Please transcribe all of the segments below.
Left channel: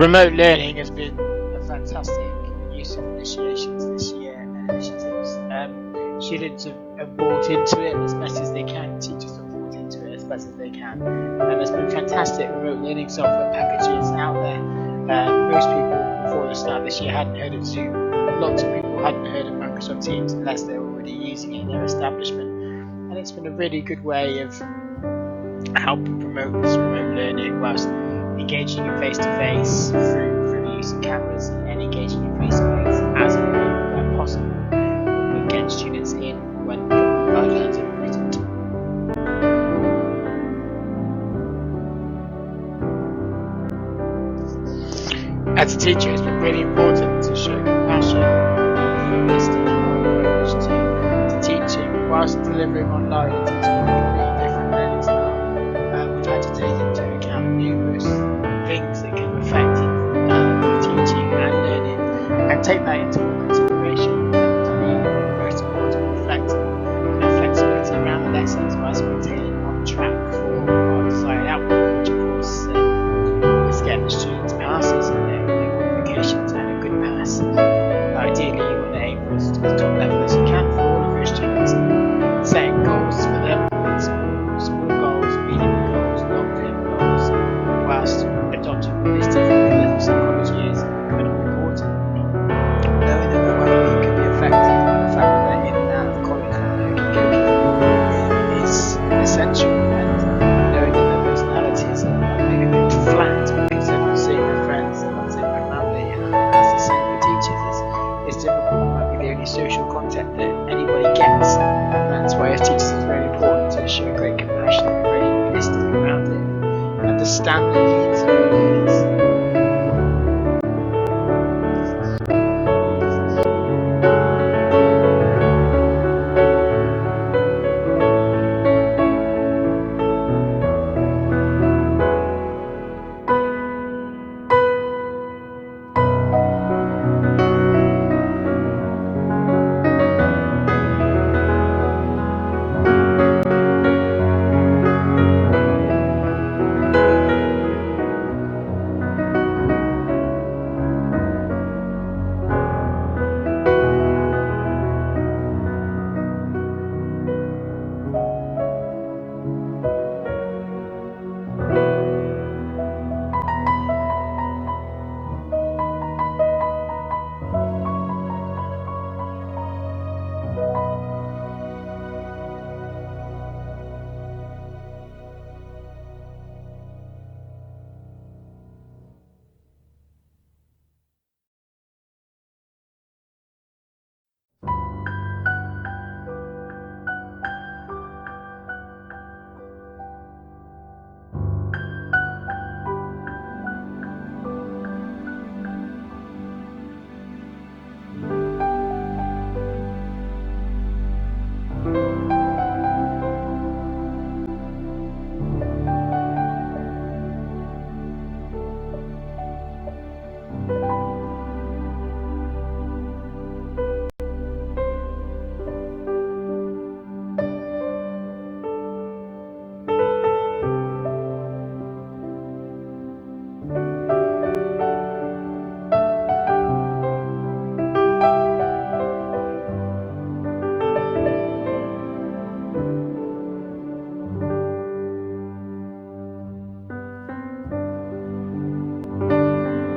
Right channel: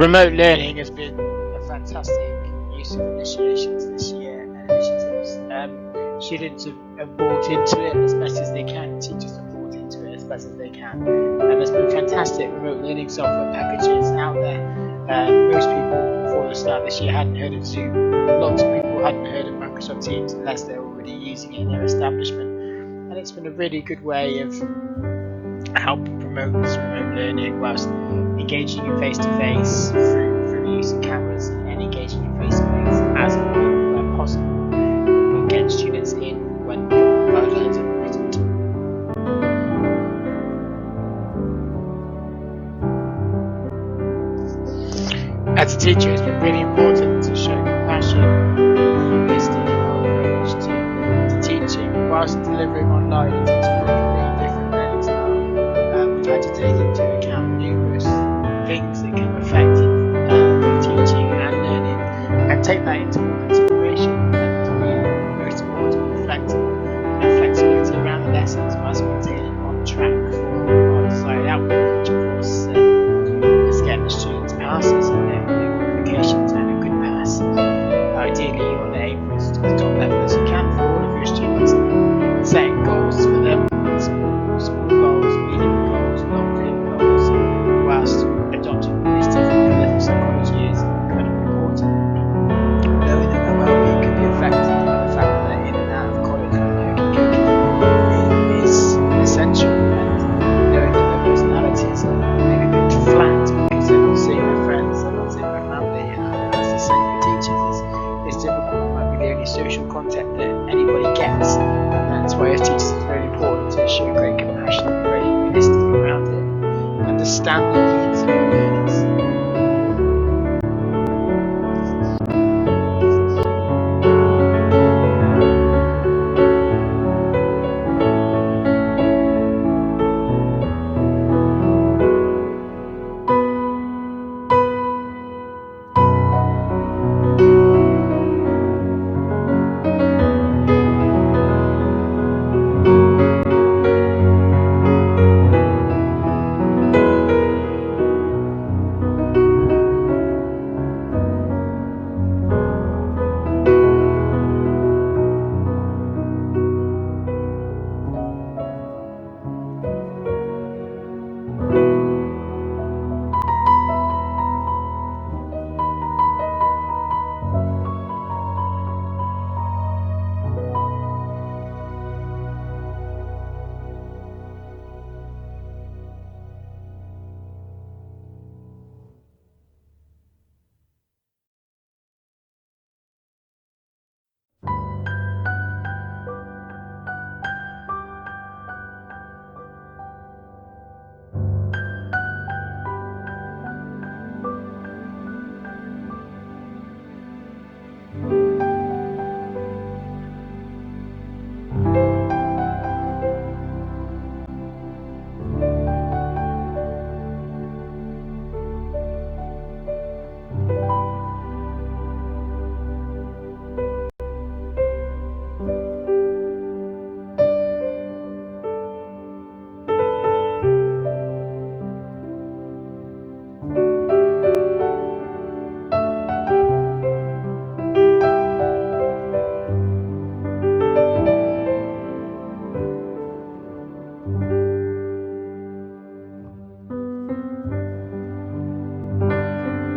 Remote learning has been a fantastic use of initiations this year and initiatives. Students have bought into it as best as they can, teachers have bought into it as best as they can, and there's been fantastic remote learning software packages out there. Most people before the start of this year hadn't heard of Zoom. Lots of people hadn't heard of Microsoft Teams unless they're already using it in their establishment, and it's been a really good way of helping promote this remote learning whilst engaging you face-to-face through the use of cameras and engaging you face-to-face as and when possible, but getting students in when guidelines are permitted. As a teacher, it's been really important to show compassion and humanistic in our approach to teaching whilst delivering online and teaching in a completely different learning style. We've had to take into account numerous things that can affect both teaching and learning, and take that into all consideration, and to be most importantly flexible, and flexibility around the lessons whilst maintaining on track for our desired outcome, which of course is getting the students passes in their qualifications and a good pass. Ideally, you want to aim for as top level as you can for all of your students, setting goals for them, small goals, medium goals, long-term goals, whilst adopting all these different pillars of psychology is incredibly important. Knowing that their well-being can be affected by the fact that they're in and out of college like hokey-cokey is essential, and knowing that their personalities are maybe a bit flat because they're not seeing their friends, they're not seeing their family, that's the same for teachers. It's difficult, it might be the only social contact that anybody gets, and that's why as teachers it's very important to show great compassion and be very humanistic around it, understand the needs of your learners.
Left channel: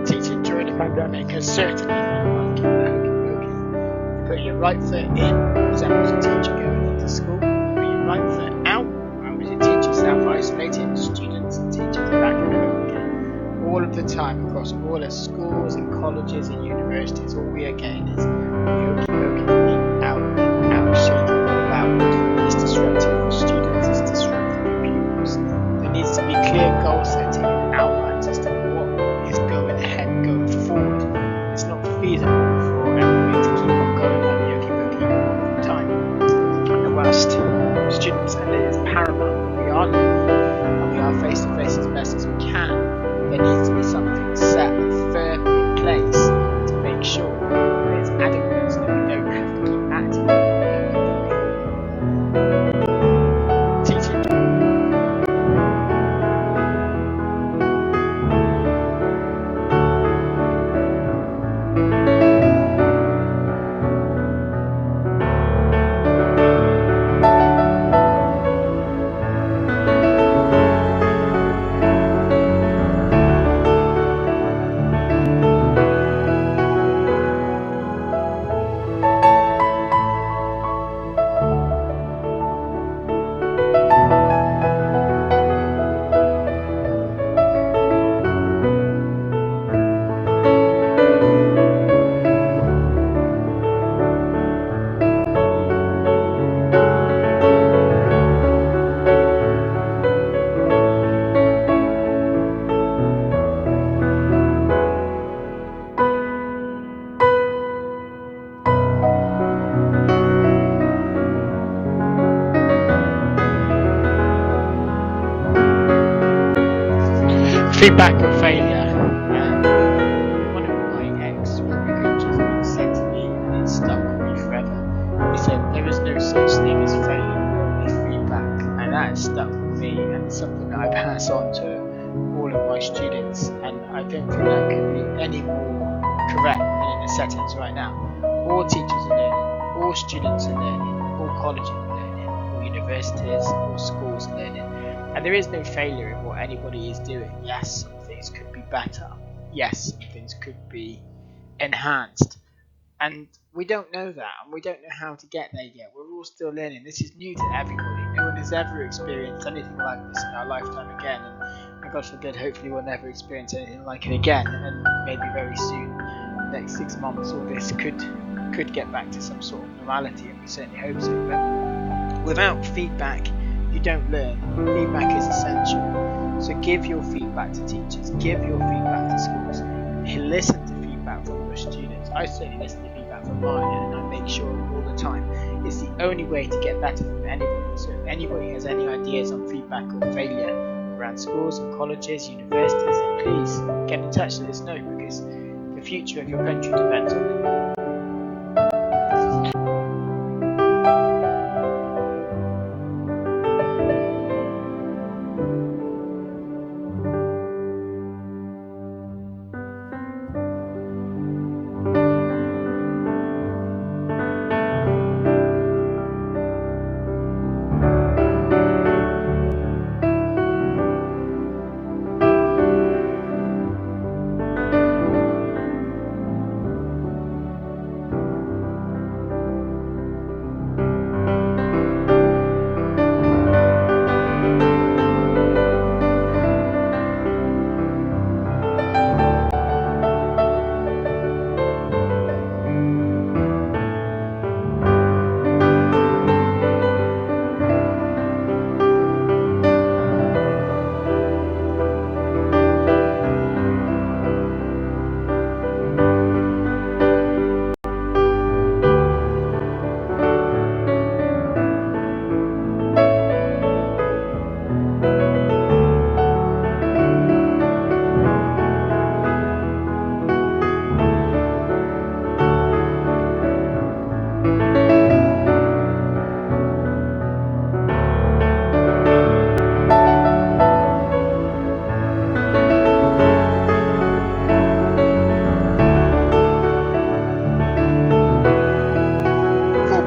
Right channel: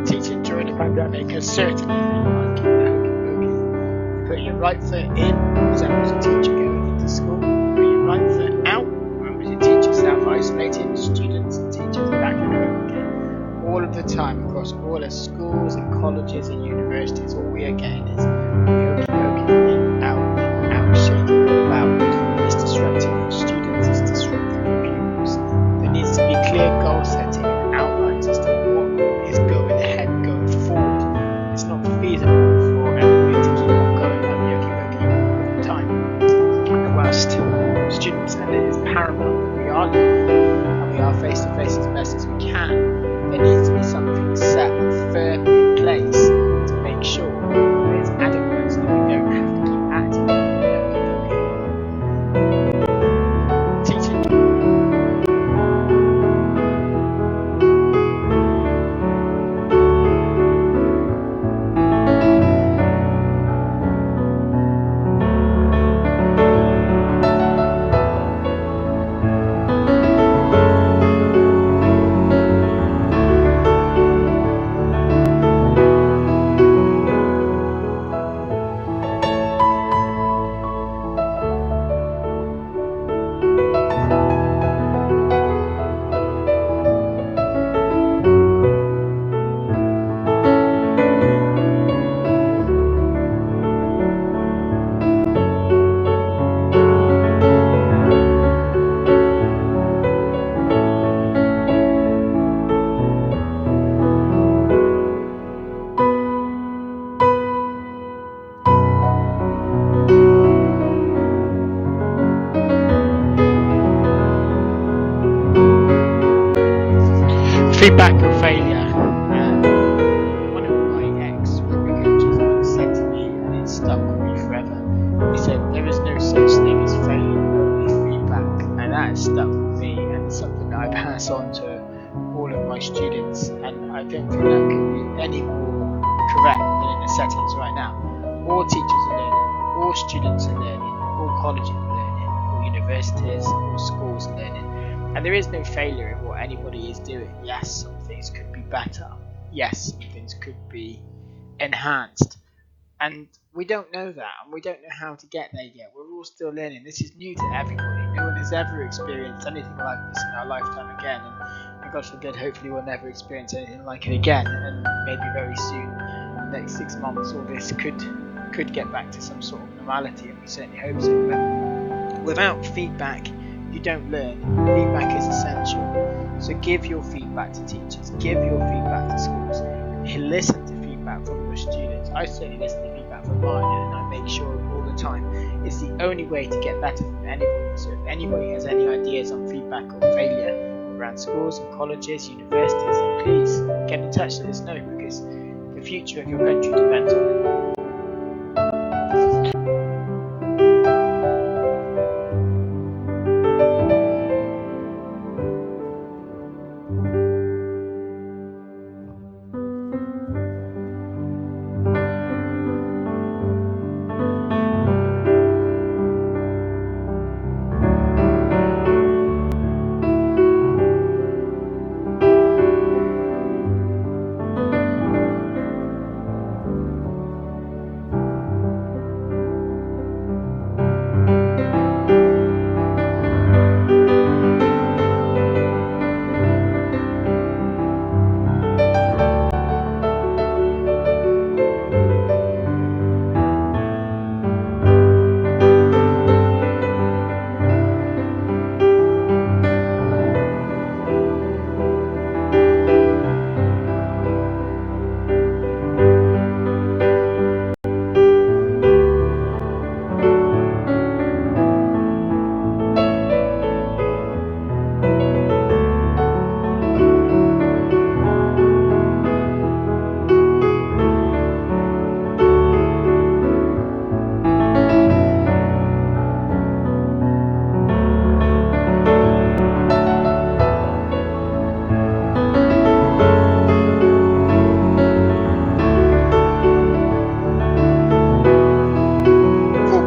Teaching during the pandemic has certainly been like the hokey-pokey. You put your right foot in as a teacher going into school, you put your right foot out as a teacher self-isolating, students and teachers back at home again. All of the time across all our schools and colleges and universities, all we are getting is the hokey-pokey in, out, shaking all about. It's disruptive for students, it's disruptive for pupils. There needs to be clear goal setting and outlines as to what is going ahead, going forward. It's not feasible for everybody to keep on going at the hokey-pokey all of the time. And whilst students, and it is paramount that we are learning and we are face-to-face as best as we can, there needs to be something set and firm in place to make sure that it's adequate so that we don't have to keep acting like hokey-pokey. Teaching Feedback or failure. One of my ex-rugby coaches once said to me, and it stuck with me forever. He said, "There is no such thing as failure, only feedback," and that has stuck with me, and it's something that I pass on to all of my students. And I don't think that could be any more correct than in the settings right now. All teachers are learning, all students are learning, all colleges are learning, all universities, all schools are learning. And there is no failure in what anybody is doing. Yes, some things could be better. Yes, some things could be enhanced. And we don't know that, and we don't know how to get there yet. We're all still learning. This is new to everybody. No one has ever experienced anything like this in our lifetime again. And God forbid, hopefully we'll never experience anything like it again. And maybe very soon, the next 6 months, all this could get back to some sort of normality, and we certainly hope so. But without feedback, you don't learn. Feedback is essential. So give your feedback to teachers, give your feedback to schools, listen to feedback from your students. I certainly listen to feedback from mine, and I make sure all the time. It's the only way to get better from anybody. So if anybody has any ideas on feedback or failure around schools and colleges, universities, then please get in touch, let us know, because the future of your country depends on it.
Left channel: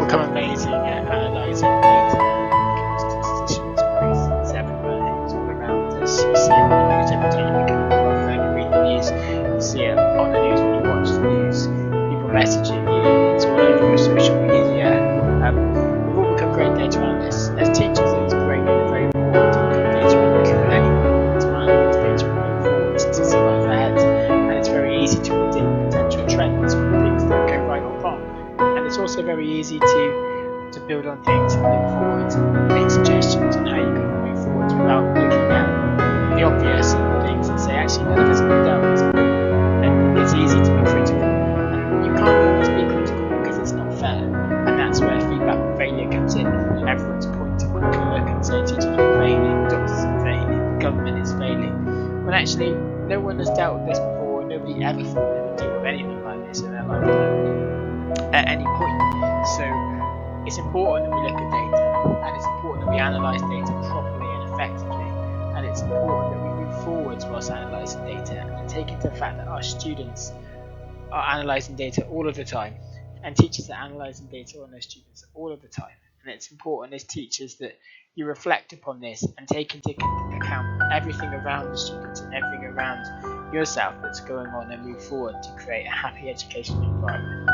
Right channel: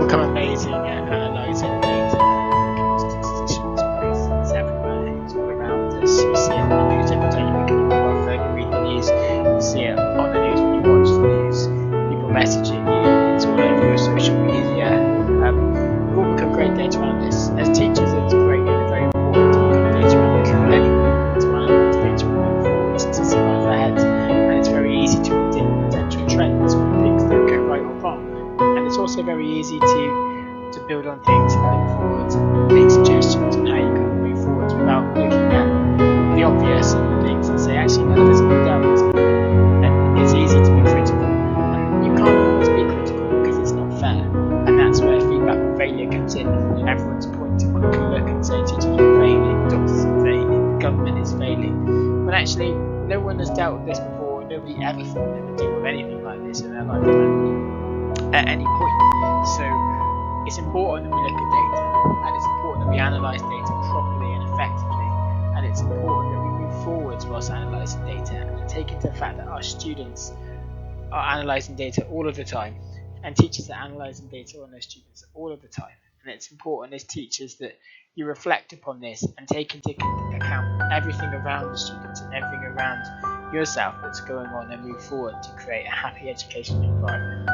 Become amazing at analysing data and looking at statistics. It's everywhere. It's all around us. You see it on the news every time you pick up your mobile phone and read the news. You see it on the news when you watch the news. People messaging you. It's all over your social media. We've all become great data analysts. As teachers, it's great and very important to become data analysts. But anyway, to analyse data moving forward to see what's ahead. And it's very easy to predict potential trends when things don't go right or wrong. And it's also very easy to build on things and look forwards and make suggestions on how you can move forwards without looking at the obvious and things and say, actually, none of this has been dealt. And it's easy to be critical. And you can't always be critical because it's not fair. And that's where feedback or failure comes in. Everyone's point to quickly look and say, teachers are failing, doctors are failing, the government is failing. When actually, no one has dealt with this before. Nobody ever thought they would deal with anything like this in their lifetime at any point. So it's important that we look at data, and it's important that we analyse data properly and effectively, and it's important that we move forwards whilst analysing data and take into the fact that our students are analysing data all of the time, and teachers are analysing data on their students all of the time. And it's important as teachers that you reflect upon this and take into account everything around the students and everything around yourself that's going on, and move forward to create a happy educational environment.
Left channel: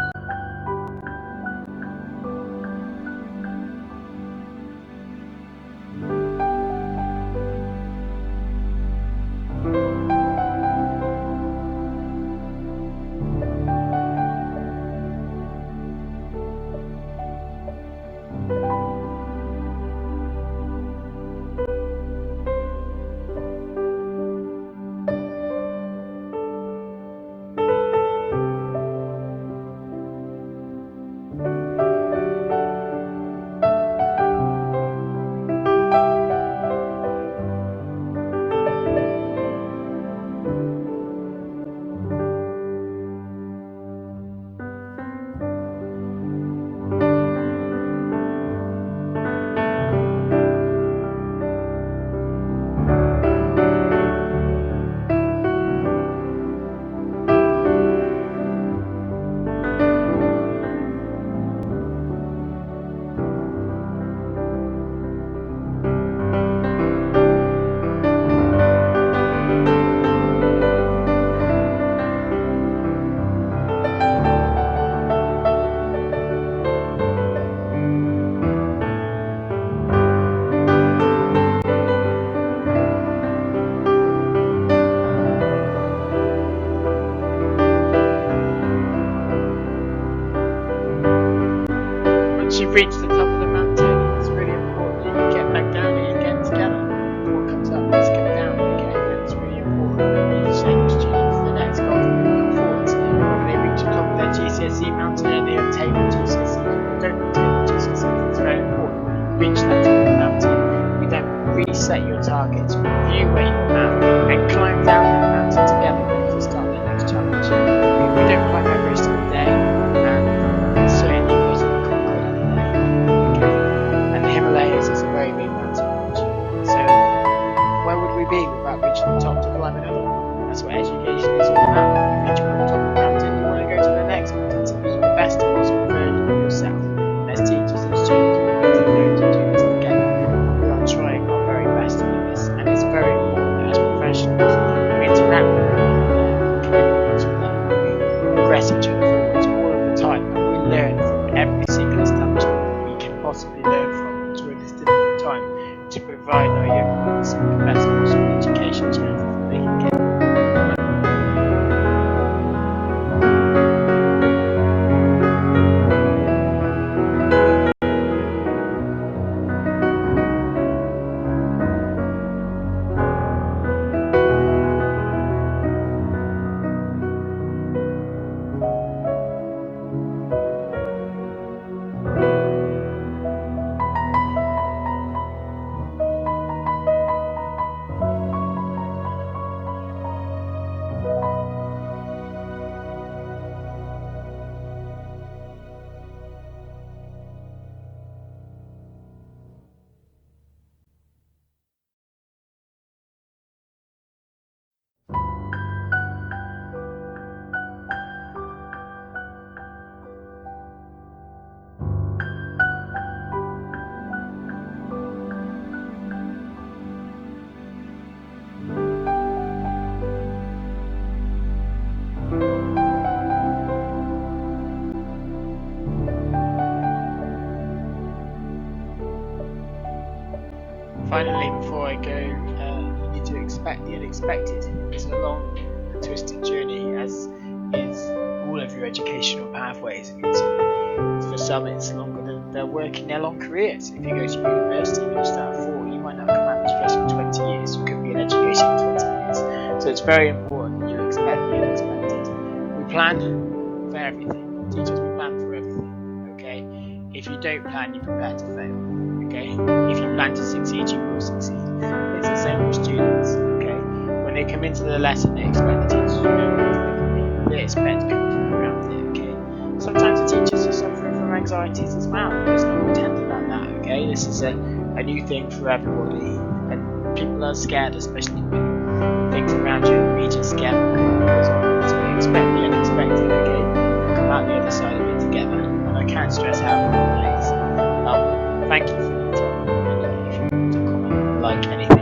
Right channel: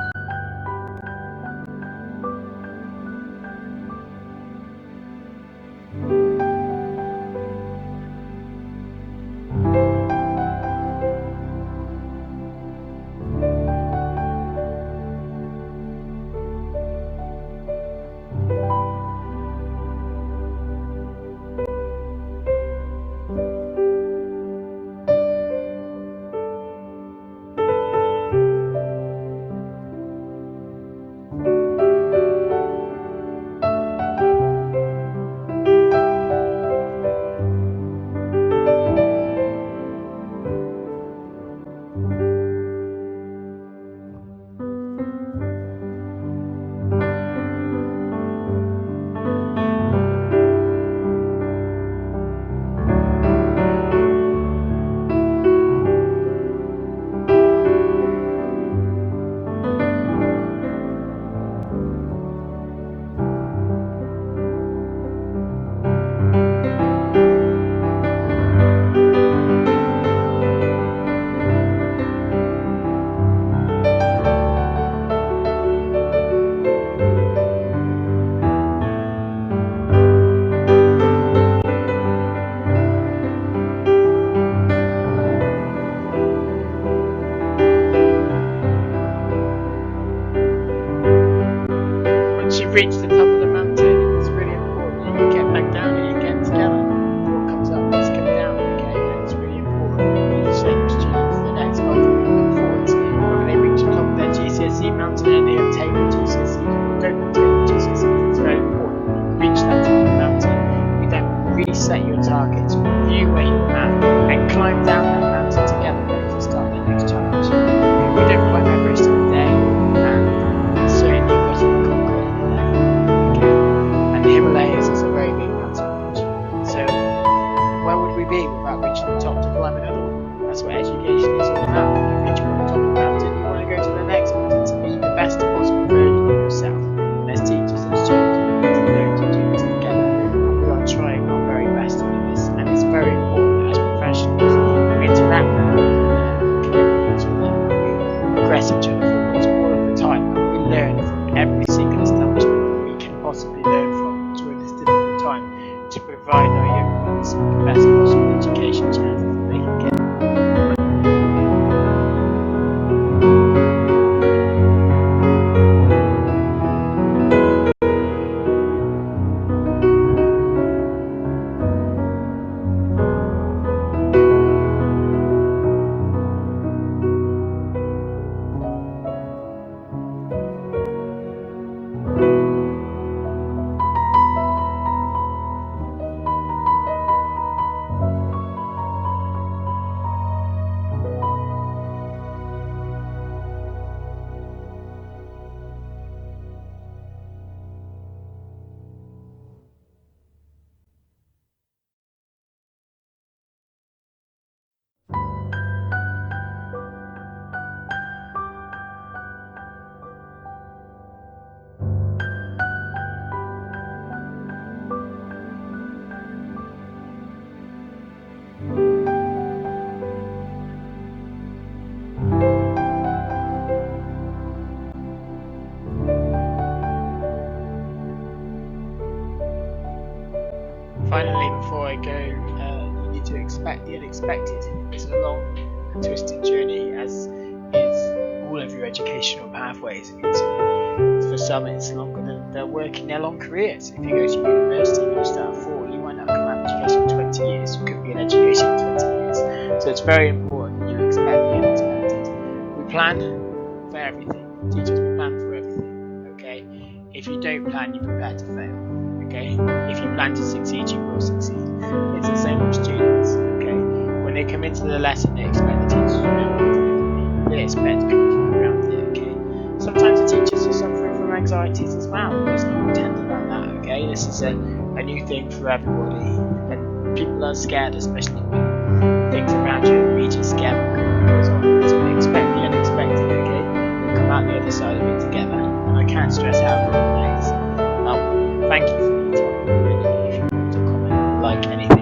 you've reached the top of the mountain, it's really important that you get back down it again together. What comes up must come down, okay? And it's really important that you set your students the next goals moving them forwards. Whether they reach the top of their GCSE mountain and they obtain the GCSEs or don't obtain the GCSEs, it's very important that you reach that top of the mountain. You then reset your targets, review where you're at, and climb down that mountain together, ready to start their next challenge. We don't climb Everest in a day, and it certainly wasn't conquered in a day. Okay, and the Himalayas is a very big mountain range. So where would we be without reaching the top to climb another one? That's what education is all about. You reach one top of the mountain, you want to go to the next mountain to be the best possible version of yourself. And as teachers and students, we need to learn to do this together, and we are trying our very best to do this. And it's very important that as professionals, we interact with one another, we connect with each other, and we progress each other forwards all of the time, and we learn from every single establishment that we can possibly learn from during this difficult time to provide our young ones with the best possible education chance that they can get. Finally, before I go, you need to expect the unexpected. It's a long and twisted journey, as is all of your educational pathways. For some, it's longer than they're working their long careers. If you go to university and you start at 4, you might not come out of education in 20 years. You could be in education in 20 years. So it's very important that you expect the unexpected. We plan for everything. Teachers, we plan for everything. Okay? If you don't plan, you prepare to fail. Okay? If you plan to succeed, you will succeed. It's the same with students. Okay? When they come into the lesson, they expect the teachers to know what to do. They expect to come from around it. Okay? Sometimes the teachers are suffering from anxieties as well. There's no intent about that. Okay? This is a new thing for everybody, and people are scared, especially when things around you are just scare what goes on. So they expect the unexpected. Okay? We'll come out the other side of it together, and I can't stress how important that is. Thank you for your time, and if you want to comment, like anything